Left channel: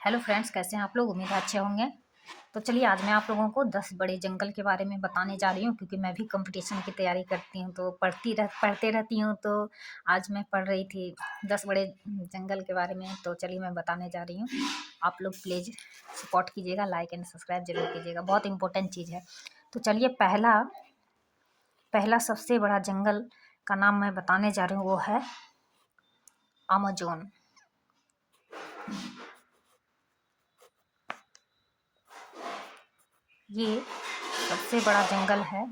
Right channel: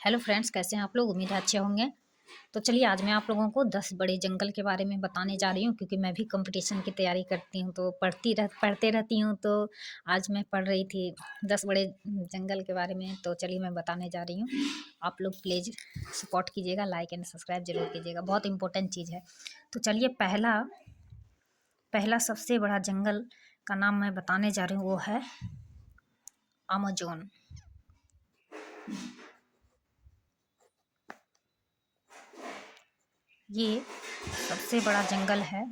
Hello friends, कैसे हैं आप लोग। उम्मीद है अच्छे होंगे। तो चलिए आज मैं आप लोगों को 10 बड़े जंगल के बारे में बताने जा रही हूँ, क्योंकि मैं भी कंपटीशन की तैयारी करती हूँ तो पढ़ते रहती हूँ। तो आज मैं पढ़ रही थी 10 बड़े जंगल के बारे में। तो चलिए मैं बताने जा रही हूँ। आप लोग प्लीज़ सपोर्ट कीजिएगा, लाइक एंड सब्सक्राइब जरूर कीजिएगा, बहुत इंपॉर्टेंट चीज़ है। तो चलिए पहला पहला सबसे बड़ा जंगल का नाम मैं बताने जा रही हूँ, वो है अमेज़न। ये सबसे बड़ा जंगल है,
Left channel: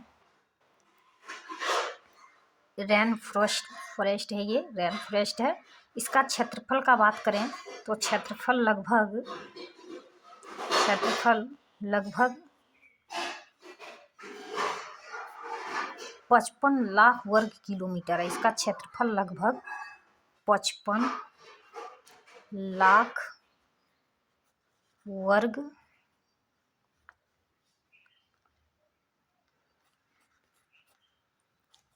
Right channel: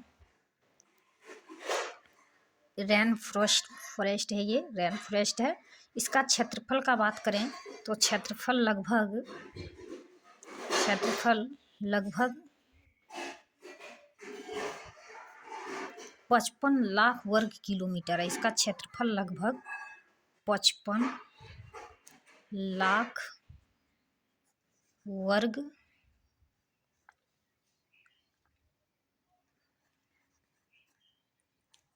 फॉरेस्ट है। ये रेन फॉरेस्ट है। इसका क्षेत्रफल का बात करें तो क्षेत्रफल लगभग 55 लाख वर्ग किलोमीटर है। इसका क्षेत्रफल लगभग 55 लाख वर्ग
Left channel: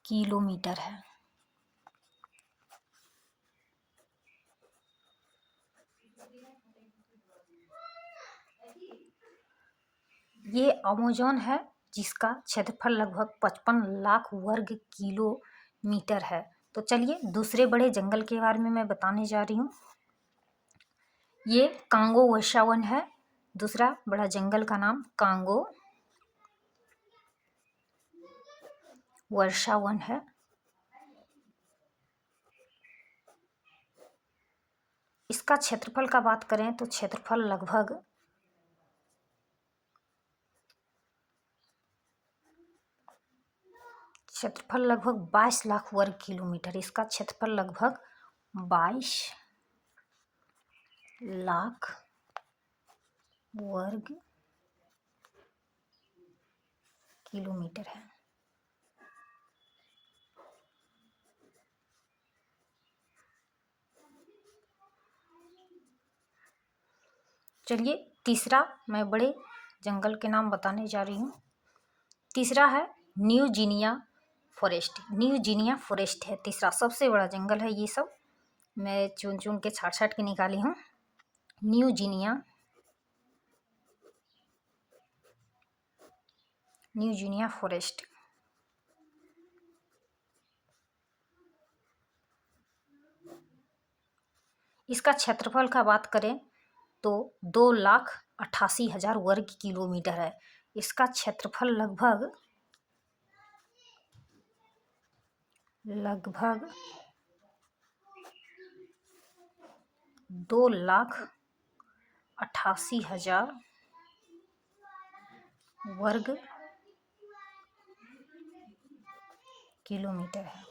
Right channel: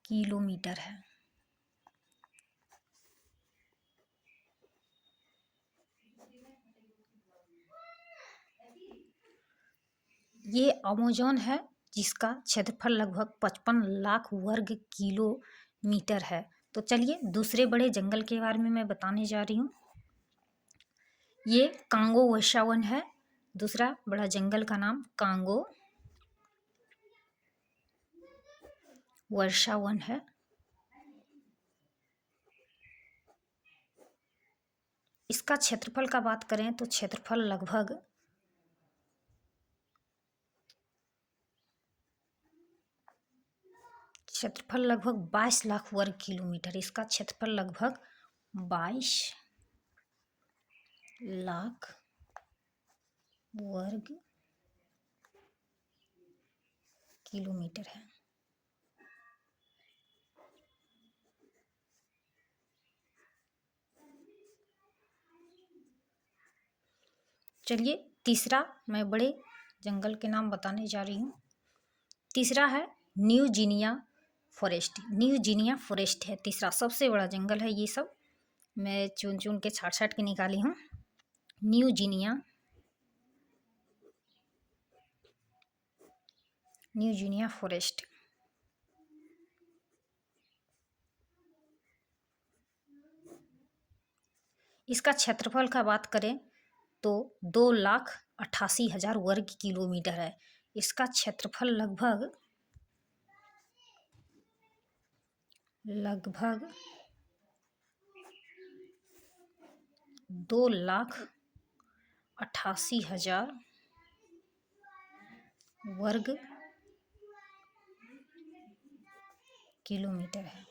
किलोमीटर है। ये अमेज़न है, जिसका क्षेत्रफल लगभग 55 लाख वर्ग किलोमीटर है। तो चलिए दूसरे बड़े जंगल के बारे में मैं बताने जा रही हूँ। ये कांगो वर्षावन है। दूसरा बड़ा जंगल का नाम कांगो वर्षावन है। इसका क्षेत्रफल का बात करें तो क्षेत्रफल लगभग 22 लाख वर्ग किलोमीटर। इसका क्षेत्रफल लगभग 22 लाख वर्ग किलोमीटर है। चलिए तीसरा मैं बड़े जंगल के नाम बताने जा रही हूँ। तीसरा है न्यूजीनिया फॉरेस्ट है। तीसरा सबसे बड़ा जंगल है। ये सब मैं चुन चुन के छाट के निकाली हूँ। न्यूजीनिया फॉरेस्ट। इसका क्षेत्रफल का बात करें तो 2,88,000 वर्ग किलोमीटर है। इसका क्षेत्रफल लगभग 2,88,000 वर्ग किलोमीटर है।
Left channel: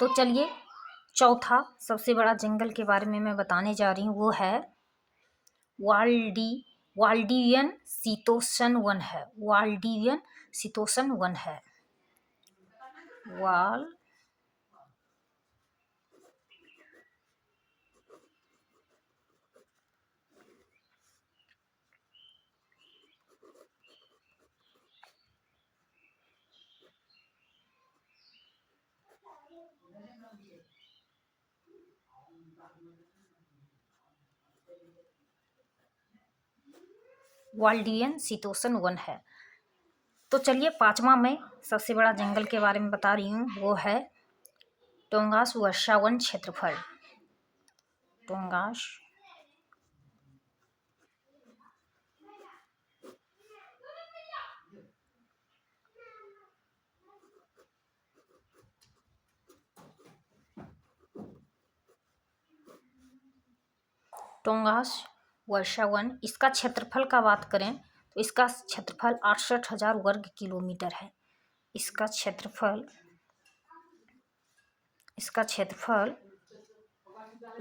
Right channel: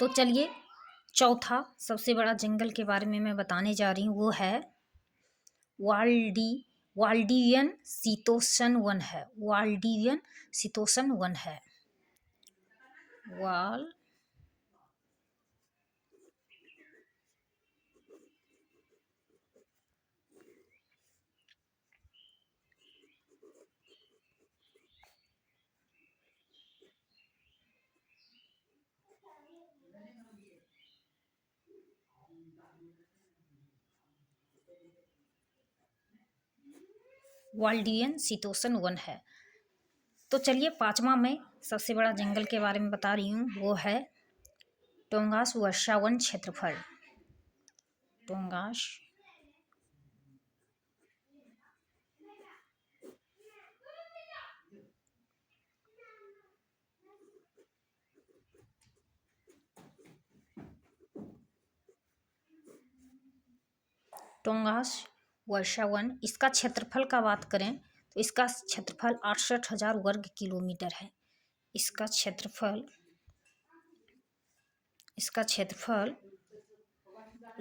तो चलिए चौथा सबसे बड़ा जंगल के बारे में मैं बताने जा रही हूँ, वो है वाल्डिवियन शीतोष्ण वन है। वाल्डिवियन शीतोष्ण वन है। वाल्डिवियन शीतोष्ण वन है। तो चलिए पांचवा मैं सबसे बड़ा जंगल के बारे में बता रही हूँ, वो है टोंगास वर्षावन क्षेत्रफल। टोंगास वर्षावन। इसका क्षेत्रफल का बात करें तो इसका क्षेत्रफल 68,000 वर्ग किलोमीटर है। इसका क्षेत्रफल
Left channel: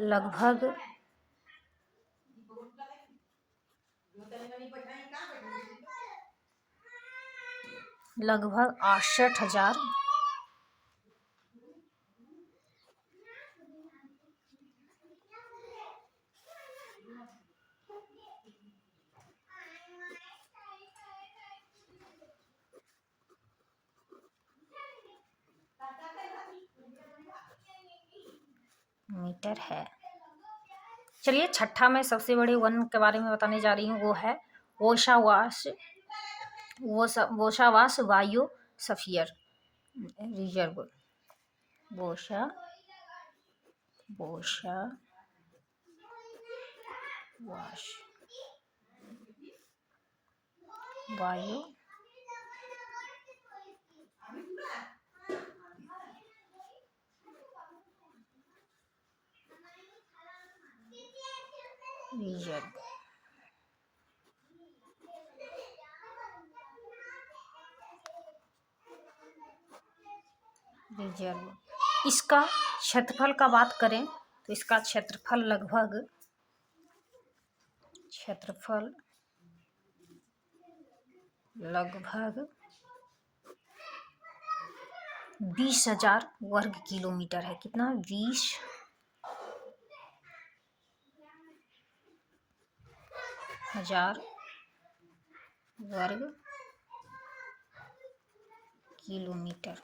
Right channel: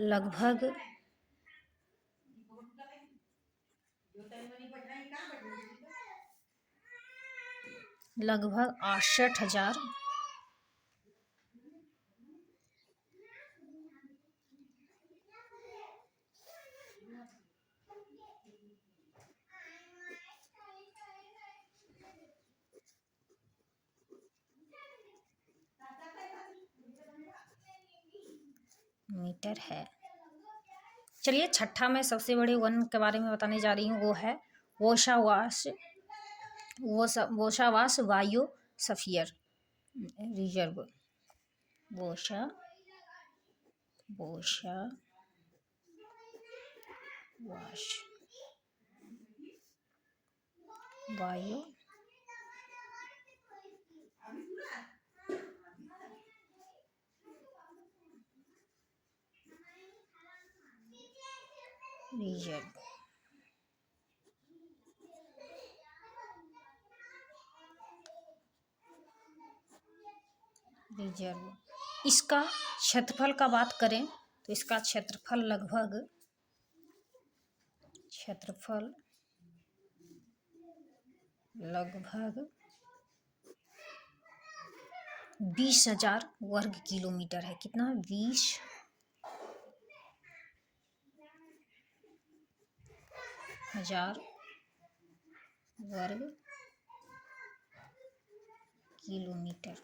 लगभग 68,000 किलोमीटर है। चलिए छठा मैं सबसे बड़े वन के बारे में बताने जा रही हूँ, वो है वोशावास वायु सफियर रिजर्व। वोशा वोशा वाश वायु रिजर्व। रिजर्व इसका क्षेत्रफल का बात करें तो इसका क्षेत्रफल लगभग 20,000 वर्ग किलोमीटर है। कितना? 20,000 वर्ग किलोमीटर।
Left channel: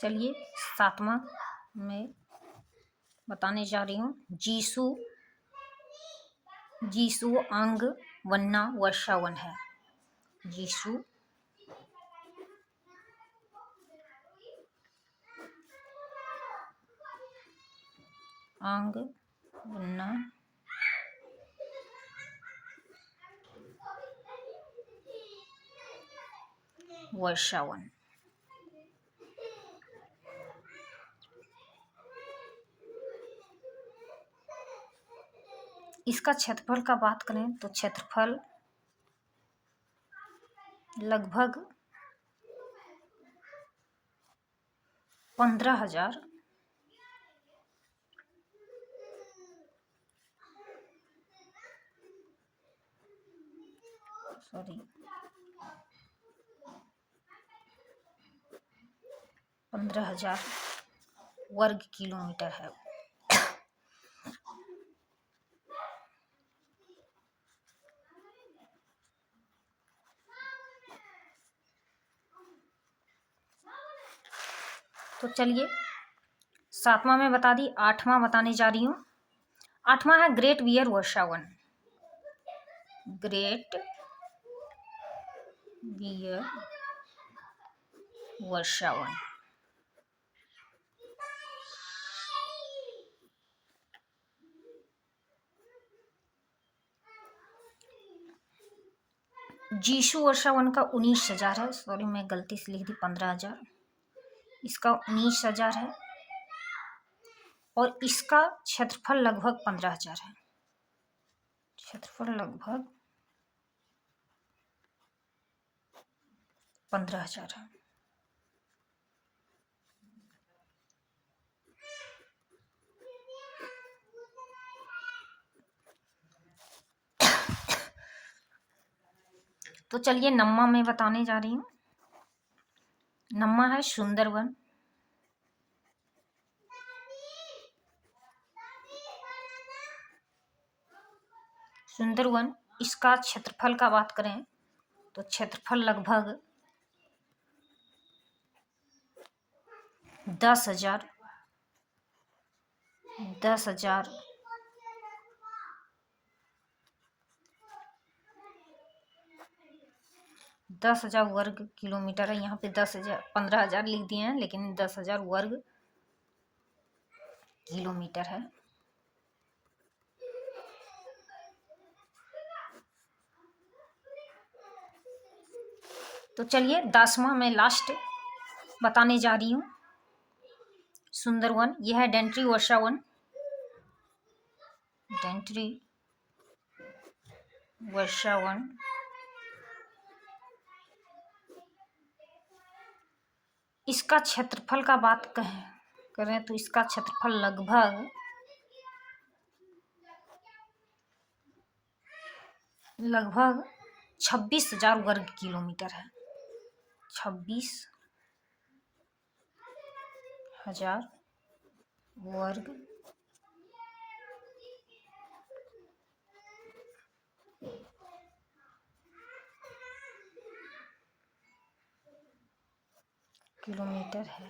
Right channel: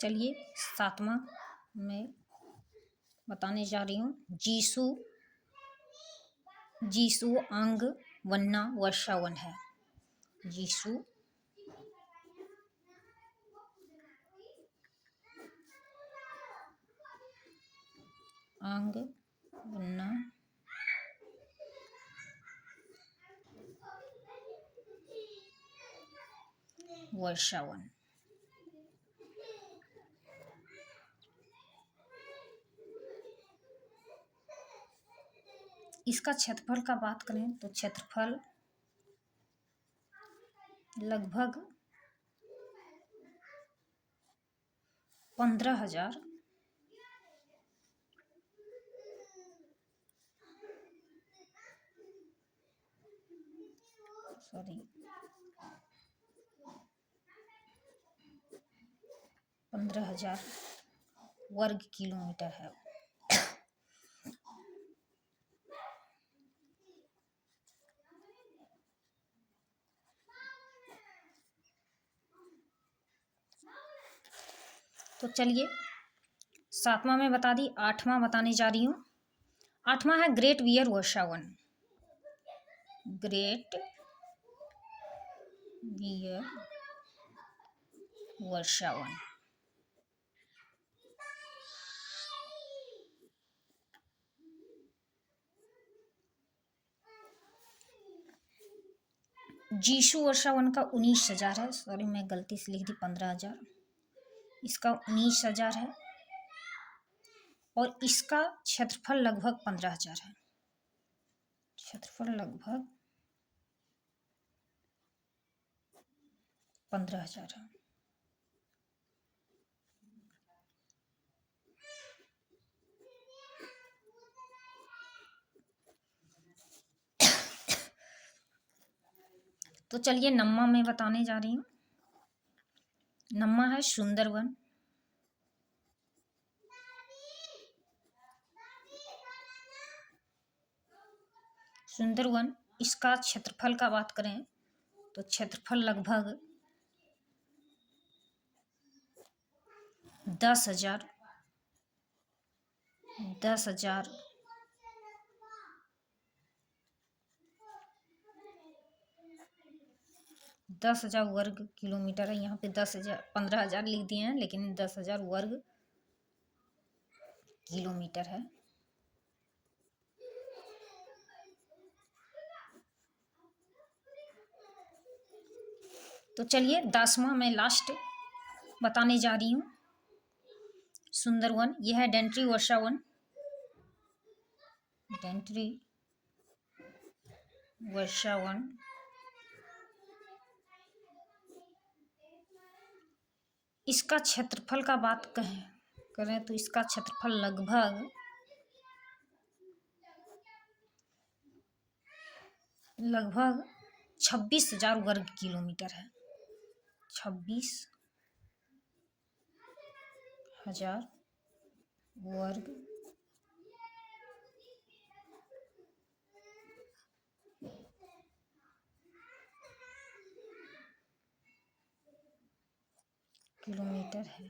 चलिए सातवां में बताने जा रही हूँ, जीसू अंग वन्ना वर्षावन है। जीसू अंग वन्ना वर्षावन। इसका क्षेत्रफल का बात करें तो क्षेत्रफल लगभग 15,000 वर्ग किलोमीटर है। तो चलिए सातवां में बता दी, आठवां बताने जा रही हूँ। आठवां है ग्रेट बियर वर्षावन। ग्रेट बियर वर्षावन। जीसू वर्षावन का 19,000 है। सॉरी मैं गलती से लिख दी 15,000। इसका 19,000 है और इसका क्षेत्रफल लगभग 15,000 है। क्षेत्रफल लगभग 15,000 है। तो चलिए नम्मा में बताने जा रही हूँ। नम्मा है सुंदरवन। सुंदरवन इसका क्षेत्रफल का बात करें तो क्षेत्रफल लगभग 10,000 वर्ग किलोमीटर है। यहाँ पे 15,000 लिख दिए हैं, लेकिन 10,000 वर्ग किलोमीटर है। तो चलिए 10वां में लास्ट बताने जा रही हूँ, सुंदरवन। यह है डेंट्री वर्षावन। डेंट्री वर्षावन इसका क्षेत्रफल का बात करें तो इसका क्षेत्रफल लगभग 26,000 वर्ग किलोमीटर है। 26,000 वर्ग किलोमीटर है।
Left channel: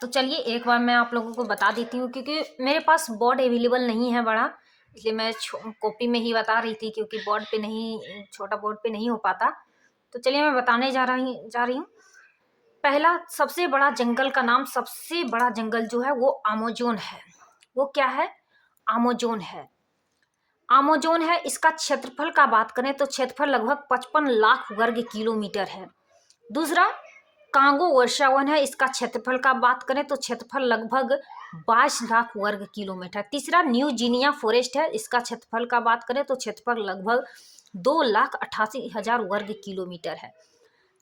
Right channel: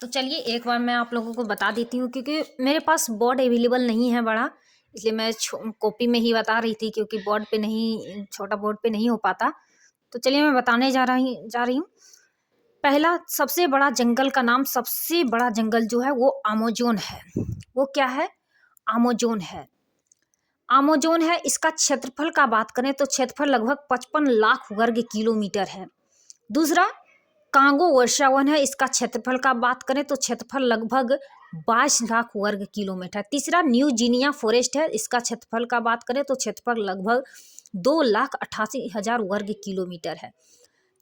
तो चलिए एक बार मैं आप लोगों को बता देती हूँ, क्योंकि मेरे पास बोर्ड अवेलेबल नहीं है बड़ा, इसलिए मैं कॉपी में ही बता रही थी, क्योंकि बोर्ड पे नहीं, छोटा बोर्ड पे नहीं हो पाता। तो चलिए मैं बताने जा रही हूँ। पहला सबसे बड़ा जंगल का नाम, सबसे बड़ा जंगल जो है वो अमेज़न है। वो क्या है? अमेज़न है। अमेज़न है। इसका क्षेत्रफल का बात करें तो क्षेत्रफल लगभग 55 लाख वर्ग किलोमीटर है। दूसरा कांगो वर्षावन है। इसका क्षेत्रफल का बात करें तो क्षेत्रफल लगभग 22 लाख वर्ग किलोमीटर। तीसरा न्यू गिनिया फॉरेस्ट है। इसका क्षेत्रफल का बात करें तो क्षेत्रफल लगभग 2,88,000 वर्ग किलोमीटर है।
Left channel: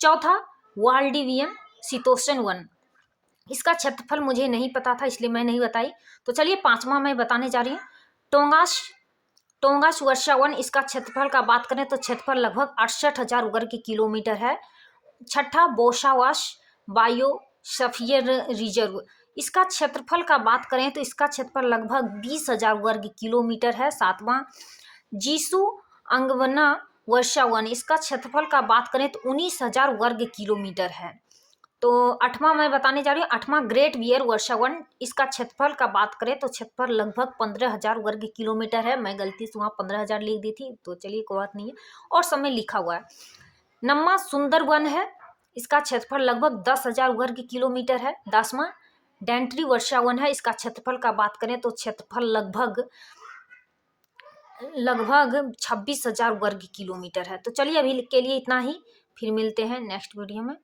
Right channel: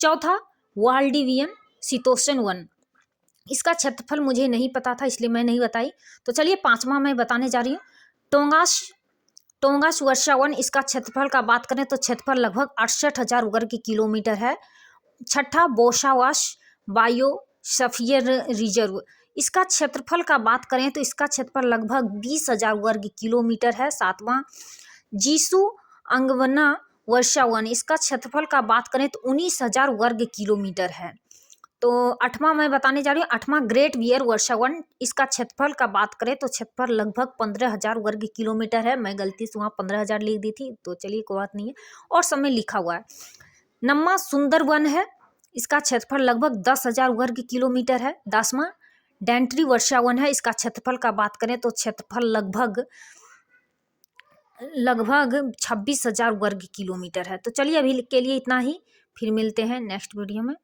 चौथा वाल्डिवियन शीतोष्ण वन। इसका क्षेत्रफल मुझे नहीं पता था, इसलिए मैं नहीं बताई। तो चलिए पांचवा मैं बताने जा रही हूँ। टोंगास वर्षावन। इसका क्षेत्रफल का बात करें तो क्षेत्रफल लगभग 68,000 वर्ग किलोमीटर है। छठा बोशावास बायोस्फीयर रिजर्व। इसका क्षेत्रफल का बात करें तो इसका क्षेत्रफल लगभग 20,000 वर्ग किलोमीटर है। सातवां जीसू अंगवना वर्षावन। इसका क्षेत्रफल का बात करें तो 19,000 वर्ग किलोमीटर है। तो आठवां मैं बताने जा रही हूँ। आठवां ग्रेट बियर वर्षावन। इसका क्षेत्रफल का बात करें तो क्षेत्रफल लगभग 15,000 वर्ग किलोमीटर है। मैं गलती से वहाँ 15,000 लिख दी थी, तो चलिए कोई बात नहीं है, और सब में लिखा हुआ है। नम्मा सुंदरवन है। इसका क्षेत्रफल लगभग 10,000 वर्ग किलोमीटर है। 10वां डेंट्री वर्षावन है। इसका क्षेत्रफल का बात करें तो क्षेत्रफल लगभग 26,000 वर्ग किलोमीटर है। तो चलिए अभी के लिए इतना ही, फिर मिलते हैं नेक्स्ट वीडियो में।